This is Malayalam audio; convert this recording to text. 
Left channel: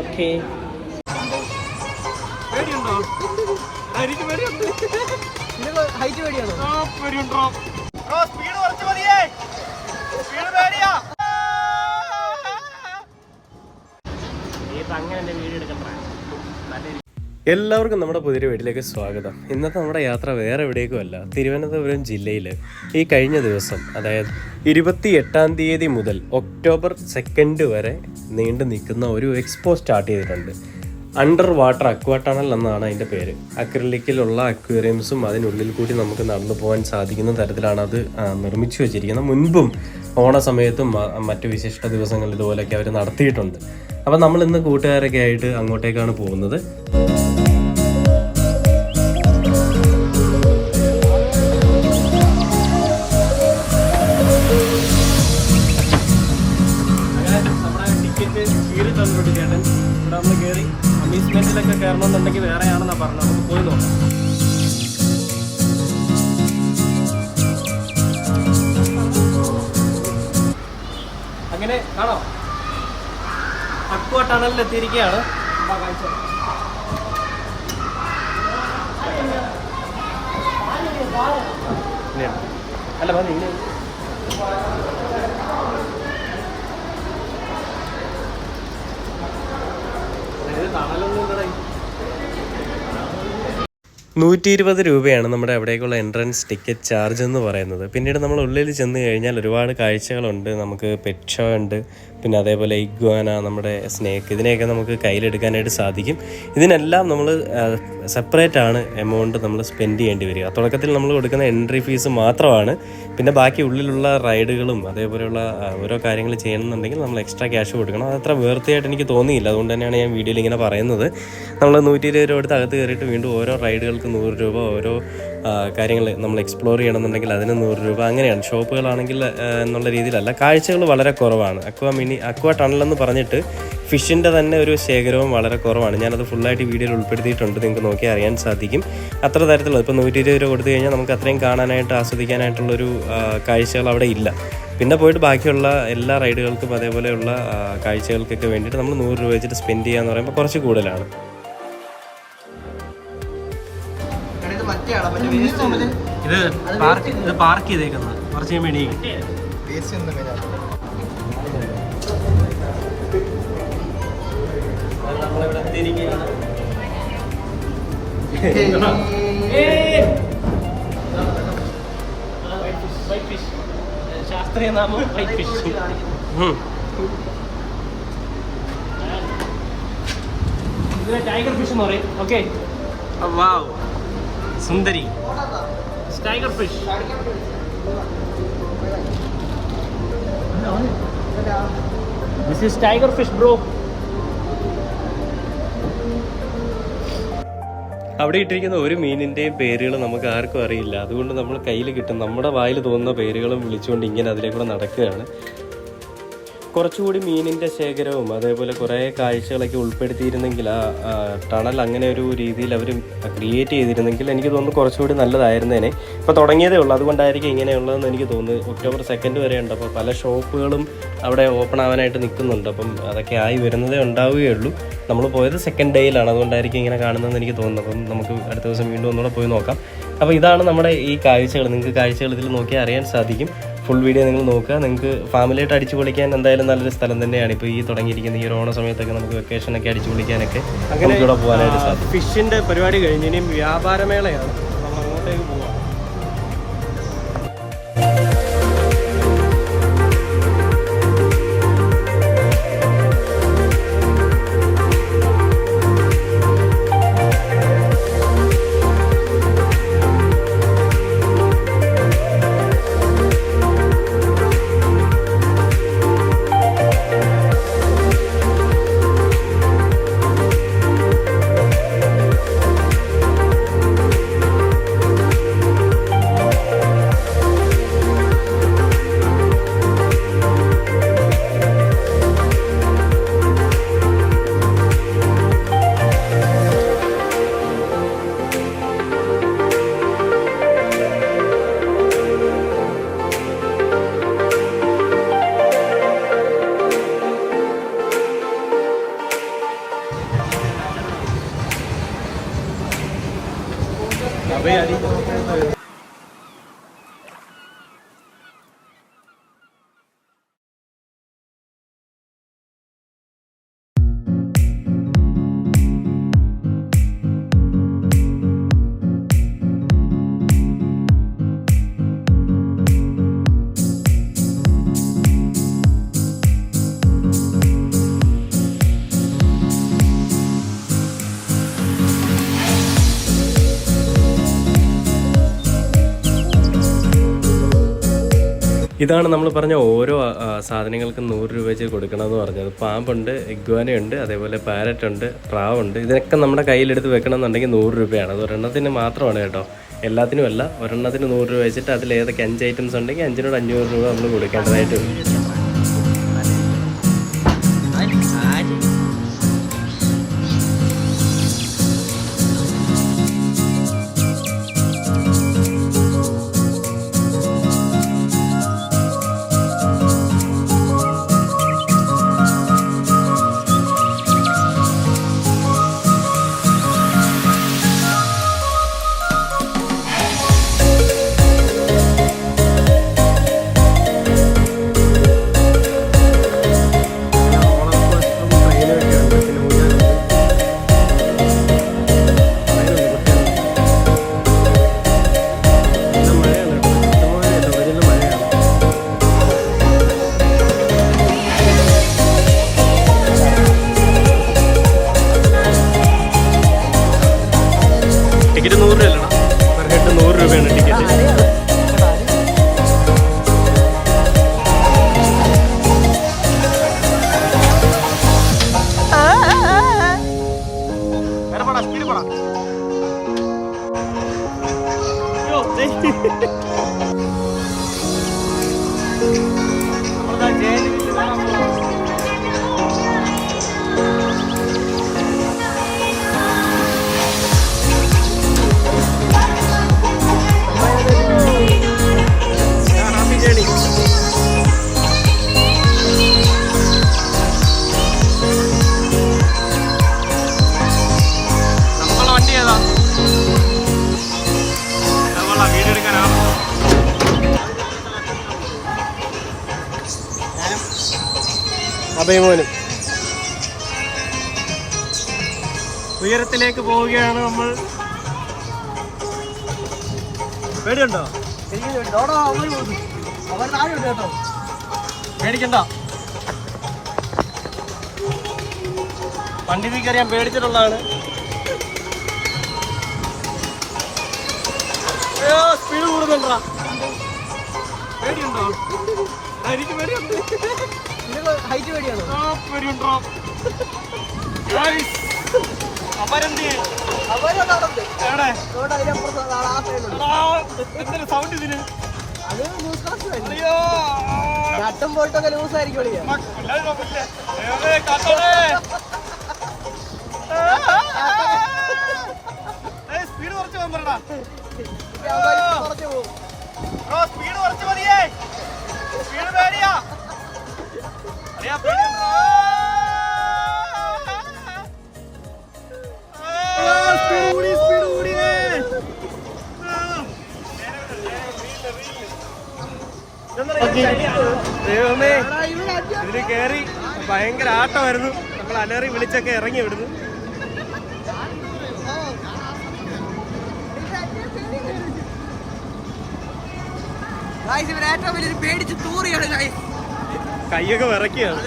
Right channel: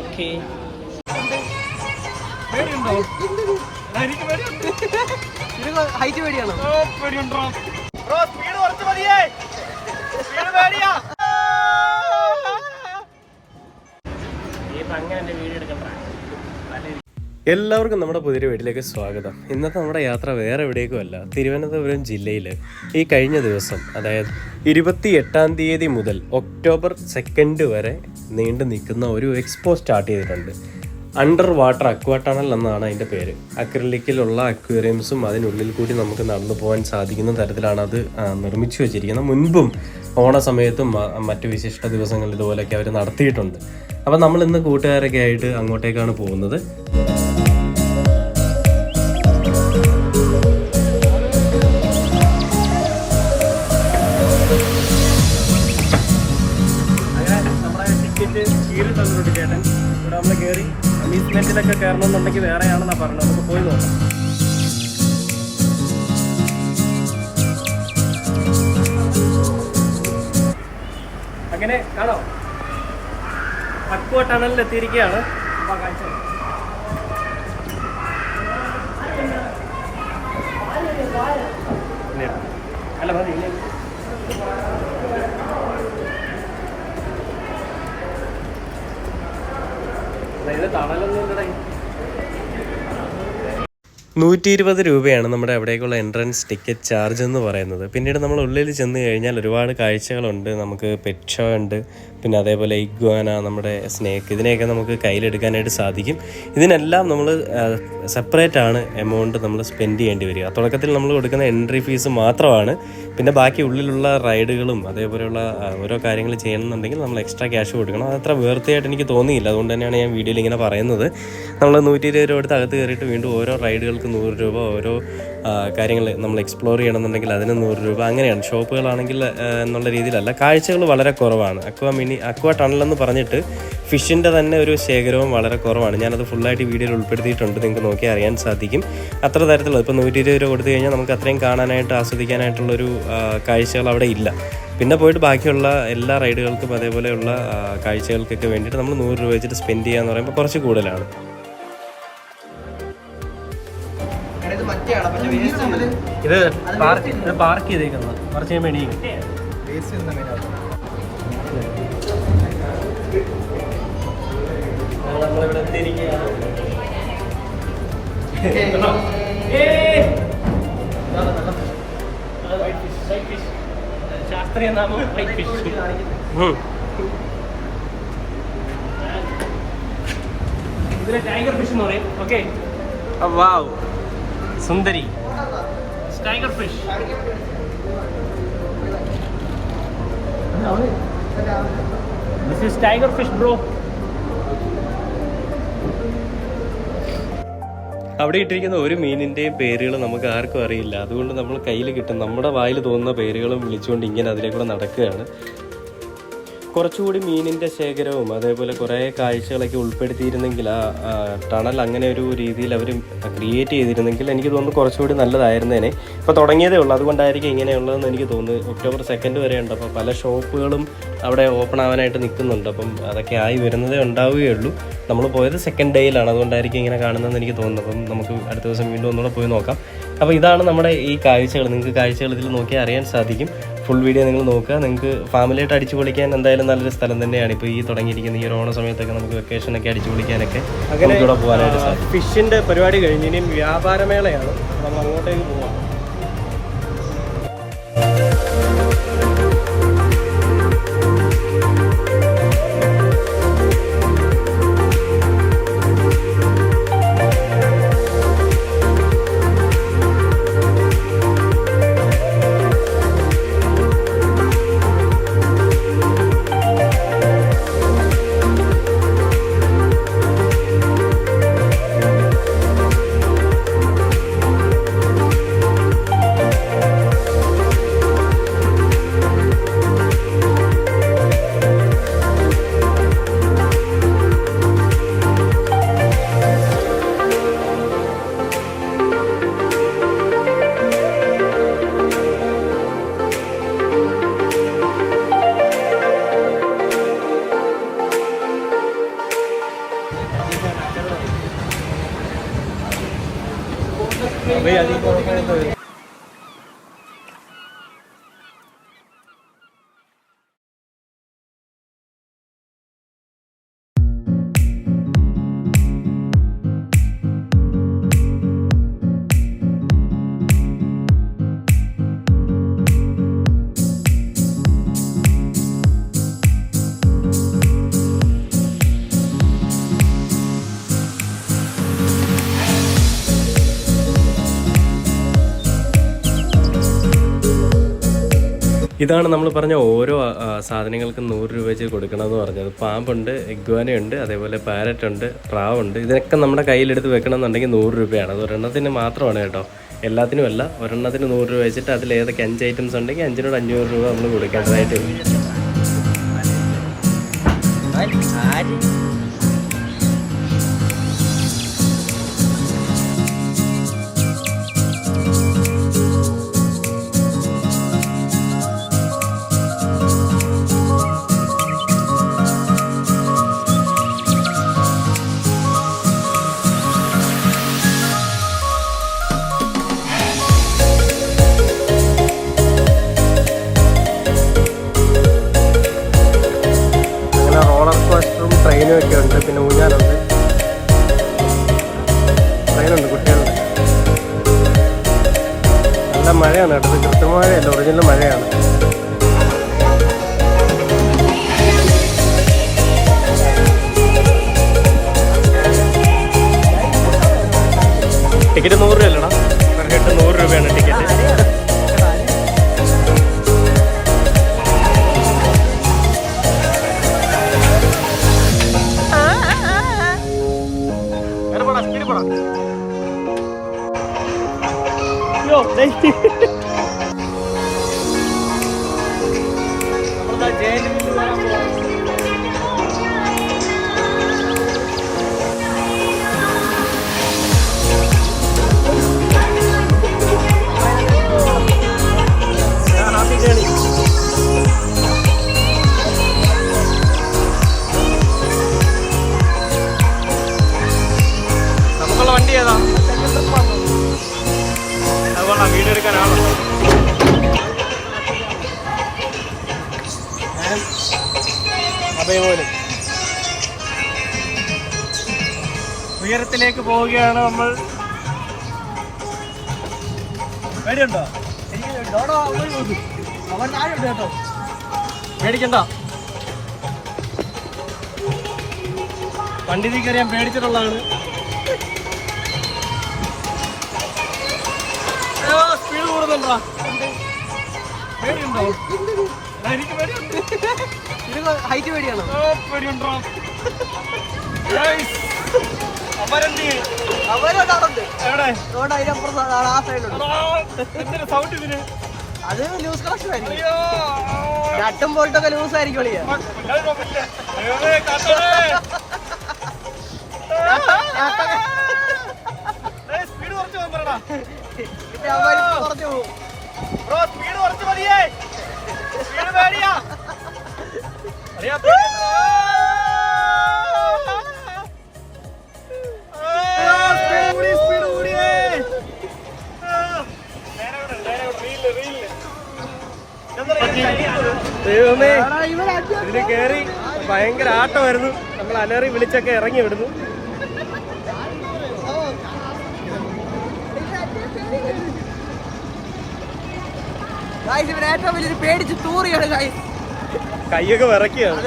ഓക്കെ. പേടിയുണ്ടോ? എനിക്ക് പേടിയുണ്ട്. പേടിയുണ്ടോ? സ്പീഡ് കുറച്ച് മതിയേ. സ്പീഡ് പേടിയാ. എല്ലാവർക്കും നമ്മുടെ പുതിയ വീട്ടിലേക്ക് സ്വാഗതം. ഇന്നത്തെ നമ്മുടെ യാത്ര വേറെ എവിടേക്കും അല്ല, തിരുവനന്തപുരം ജില്ലയിൽ ഈ കഴിഞ്ഞ ദിവസം, അതായത് 28-ാം തീയതി മുതൽ ഒക്ടോബർ 2 വരെ നീണ്ടു നിൽക്കുന്ന ഒരു എക്സ്പോ സ്റ്റാർട്ട് ചെയ്തിട്ടുണ്ട്. അണ്ടർ വാട്ടർ അക്വാ ടണൽ എന്നാണ് അതിൻ്റെ പേര്. അക്രിലിക്കിലുള്ള അക്വേറിയംസും അതിനുള്ളിൽ കൂടി നമുക്ക് നടന്നു പോകാൻ സാധിക്കുന്ന തരത്തിലാണ് അത് നിർമ്മിച്ചു വെച്ചിരിക്കുന്നത്. മുൻപും ഓണസമയത്തും മറ്റു വിശിഷ്ട ദിവസങ്ങളിൽ ഇതുപോലെയൊക്കെ അവർ നടത്തിയിട്ടുണ്ട്. അപ്പോൾ നമ്മൾ ഇന്ന് കൂട്ടുകാരൊക്കെ ആയിട്ട് അങ്ങോട്ടേക്കാണ് പോകുന്നത്. ഇവിടെ നമ്മൾ കയറി അമ്യൂസ്മെന്റിലൊക്കെ കയറണമെന്നുണ്ടെങ്കിൽ വേറെയാണെന്നാണ് പറഞ്ഞത്. നമുക്ക് പോയി നോക്കാം. അങ്ങനെ കാണാം, അക്വാ ടണലിൽ എത്തിയിരിക്കുകയാണ്. അല്ല മതി 120 രൂപയാണ് നമ്മുടെ അവിടേക്കുള്ള എൻട്രൻസ് ടിക്കറ്റ് ചാർജ് എന്ന് പറയുന്നത്. പിന്നീട് നമ്മൾ ഉള്ളിൽ ചെന്ന് കഴിഞ്ഞാൽ ഒരുപാട് കാഴ്ചകളുണ്ട്. നമുക്ക് പെറ്റ് ഷോ ഉണ്ട്, പിന്നെ അതേപോലെ ഇഗ്വാന, നമ്മുടെ സ്നേക്ക്, ഇതിനെയൊക്കെ നമുക്ക് കയ്യിലെടുക്കാനായിട്ട് സാധിക്കും. ഇതിനെല്ലാം നമ്മൾ സെപ്പറേറ്റ് ആണ് എമൗണ്ട് നമ്മൾ സ്പെൻഡ് ചെയ്യേണ്ടി വരിക. തുടക്കത്തിൽ നമ്മൾ കൊടുക്കുന്ന എൻട്രി ഫീസ് മാത്രമാണ്. പിന്നെ ബാക്കി ഉള്ളിലുള്ള റൈഡുകളും അതേപോലെയുള്ള ഓരോ കാര്യങ്ങൾ ചെയ്യണമെന്നുണ്ടെങ്കിൽ നമ്മൾ എക്സ്ട്രാ ക്യാഷ് കൊടുക്കണം. അതത്ര വേർത്തിയായിട്ട് എനിക്ക് തോന്നിയില്ല. അതുകൊണ്ട് തന്നെയാണ് ഞാൻ വീഡിയോയിൽ ഇങ്ങനെ പറയുന്നത്. നമ്മൾ 120 രൂപ എടുത്ത് അകത്ത് കയറിയിട്ട് വീണ്ടും ഓരോ റൈഡുകൾക്ക് 100 രൂപ, ഓരോ കാര്യങ്ങൾ നമ്മൾ എക്സ്പ്ലോർ ചെയ്യണമെന്നുണ്ടെങ്കിൽ അതിന് 100 രൂപ, അങ്ങനെയാണ്. ഷോപ്പുകളാണെങ്കിൽ എന്നുള്ള രീതിയിലല്ല. കാഴ്ചകൾ വളരെ കുറവാണ്. അക്വാ ടണലെന്ന് പറഞ്ഞിട്ട് ഫിഷിൻ്റെ തന്നെ ഒരു ശേഖരവും വളരെ കുറവാണ്. ഞാനത് ഫുള്ളായിട്ട് വീഡിയോയിൽ ഉൾപ്പെടുത്തിയിട്ടുണ്ട്, നിങ്ങൾക്ക് നോക്കി അറിയാൻ സാധിക്കും. അത്ര തരത്തിലുള്ള ഇപ്പോൾ 120 രൂപ കൊടുത്തു കഴിഞ്ഞാൽ നമുക്ക് അത്രയും കാണാനായിട്ട് ആസ്വദിക്കാനായിട്ടുള്ളൊരു കാഴ്ചകൾ അവിടെ ഇല്ല. പിന്നെ പോയിട്ട് ബാക്കിയുള്ള എല്ലാ റൈഡുകൾക്കും അതേപോലെയുള്ള കാഴ്ചകൾക്കൊക്കെ വേണ്ടിയിട്ട് നമ്മൾ 100 രൂപ വെച്ചിട്ട് സ്പെൻഡ് ചെയ്യുക എന്ന് പറയുമ്പോൾ കുറച്ച് കൂടുതലാണ്. ഇത് പാർക്ക് ചെയ്തേക്കുന്നത് കുറച്ച് കഴിയുമ്പോൾ എണീക്കും. നമ്മളിവിടെ എത്തിയിരിക്കുകയാണ്. ശാസ്ത്രീയ നാമം വൈറ്റ് ഫിഷ്. ഇതിലെ ടൈഗർ ഫിഷ് എന്ന് പറയും. Okay, wow, Sundari tiger fish. This is tiger fish, bro. അവിടെ ഇട്ടിരിക്കുന്ന ഒരു മീനിൻ്റെയും പേരുകൾ നമുക്ക് ആർക്കും അറിയില്ല. അതുകൊണ്ട് നമ്മൾ കയ്യിൽ കിട്ടും നമ്മുടെ വായിൽ തോന്നുന്ന പേരുകളും വിളിച്ചുകൊണ്ട് ഇങ്ങനെ അതിലേക്കൂടെ നടക്കുകയാണ്. കുറച്ചുകൂടി മീനിൻ്റെ ശേഖരവും അതേപോലെ കുറേ കാഴ്ചകളൊക്കെ ഉൾപ്പെടുത്തിയിരുന്നെങ്കിൽ ആ ടണൽ അങ്ങനെ ഒരു രീതിയിൽ അവർ ക്രിയേറ്റ് ചെയ്തിരുന്നെങ്കിൽ എനിക്ക് തോന്നുന്നു കുറച്ചുകൂടി നല്ലതായിരുന്നേനെ. ഇപ്പോൾ തുടങ്ങിയതേ ഉള്ളൂ, അതുകൊണ്ടായിരിക്കും ഇങ്ങനെയുള്ളതെന്ന് എനിക്ക് തോന്നുന്നു. ഒക്ടോബർ 2 വരെ ഉണ്ട്. അപ്പോൾ പല ഷോപ്പുകളും അവിടെ ഓപ്പൺ ആവാനായിട്ട് നിൽക്കുന്നുണ്ട്. അപ്പം അതൊക്കെ ആയി വരുന്നതേ ഉണ്ടാവുകയുള്ളൂ. നമ്മൾ പോയത് 2nd ഡേയിലാണ്, അതുകൊണ്ടായിരിക്കും ഇങ്ങനെ കാണുന്നതെന്ന് എനിക്ക് തോന്നുന്നു. അപ്പം നമുക്ക് അടുത്ത ദിവസം വീണ്ടും ഒന്നുകൂടെ പോയി നോക്കാം. അപ്പോൾ ഇതാണ് നമ്മുടെ ഈ കാഴ്ചകൾ. നിങ്ങൾക്ക് കാഴ്ചകൾ ഇതിൽ നോക്കിയാൽ അറിയാൻ സാധിക്കും. ഫുൾ വീഡിയോ നിങ്ങൾ നോക്കുക. നിങ്ങൾക്ക് ഫാമിലിയായിട്ട് അടിച്ചു പൊളിക്കാൻ എന്തായാലും നല്ലൊരു സ്ഥലം തന്നെയാണ്. ഇപ്പോൾ ഈ തുടങ്ങിയിരിക്കുന്ന ഈ ഒരു ഓണ സമയത്തൊക്കെ നമുക്ക് വെക്കേഷനൊക്കെ അടിച്ചു പൊളിക്കാനൊക്കെ അങ്ങനെ ഇവിടെ പോകാനായിട്ട് സാധിക്കും. ഫിഷിൻ്റെ പരിപാടി കഴിഞ്ഞ് ഇനിയും വ്യാപാരമേളയാണ്. നമ്മൾ അങ്ങോട്ടേക്ക് പോവാം. അപ്പൊ ഈ അടി എന്താ വരും? ഇതാണ് നമ്മൾ പറഞ്ഞ ഓരോ സാധനങ്ങൾക്കും 100 രൂപ വെച്ച് കൊടുക്കണമെന്ന് പറഞ്ഞത്. പാമ്പുണ്ട്, ഇഗ്വാനയുണ്ട്, അതേപോലെ പാരറ്റ് ഉണ്ട്, പ്രാവുണ്ട്. ഇതിനൊക്കെ നമ്മുടെ കയ്യിലെടുത്ത് വെക്കണമെന്നുണ്ടെങ്കിൽ 100 രൂപയാണ്. അത് ഒരെണ്ണത്തിന് മാത്രമാണ് കേട്ടോ, എല്ലാത്തിനും അല്ല. ഒരെണ്ണത്തിന് 100 രൂപ വെച്ചിട്ട് അതിൽ ഏതൊക്കെ 5 ഐറ്റംസ് ഉണ്ടെങ്കിൽ 5നോട് 500 രൂപ നമ്മൾ കൊടുക്കേണ്ടതായിട്ട് വരും. ട്രെയിനൊക്കെ ഉണ്ട്, പിന്നെ ഊഞ്ഞാലുണ്ട്, ട്രെയിനുണ്ട്, കുട്ടികളുണ്ട്. നല്ല മഴയാണ് കേട്ടോ, കൃത്യമായല്ല, ഒറിജിനൽ മഴയാണ്. ടിക്കറ്റ് 100 രൂപയല്ലടാ, പെർ ഹെഡ് 100 രൂപയാണ് ടിക്കറ്റ്. Happy journey. നമുക്കുള്ള വണ്ടി ഏതാ? അതുകൊള്ളാം, വീഡിയോ എടുക്കാനാണല്ലോ. പോലും ഉയരത്തിലേക്ക് പോവുകയാണ് നമ്മൾ. പേടിയുണ്ടോ? പേടിക്കണ്ട, വണ്ടി കയറിയാൻ പേടിച്ചിട്ടുള്ളതാണ്. സ്പീഡ് കൂടുന്നുണ്ടോ? പേടിയുണ്ടോ? എനിക്ക് പേടിയുണ്ട്. പേടിയുണ്ടോ? എവിടെ എന്തൊരു സൗണ്ട് ഇതിന്? സ്പീഡ് കുറച്ച് പോകാൻ പറയടാ. ബ്രോ സ്പീഡ് കുറച്ച് മതിയേ, സ്പീഡ് പേടിയാ. അളിയാ പേടിയുണ്ടോ? ദൈവമേ, ഇതിന് കേറി ഭയങ്കര ആട്ടമായിരുന്നു. നമ്മൾ അലറി വിളിച്ചൊക്കെ ഇറങ്ങി വിടുന്നു. കൈയൊക്കെ വിറയ്ക്കുകയാണ്.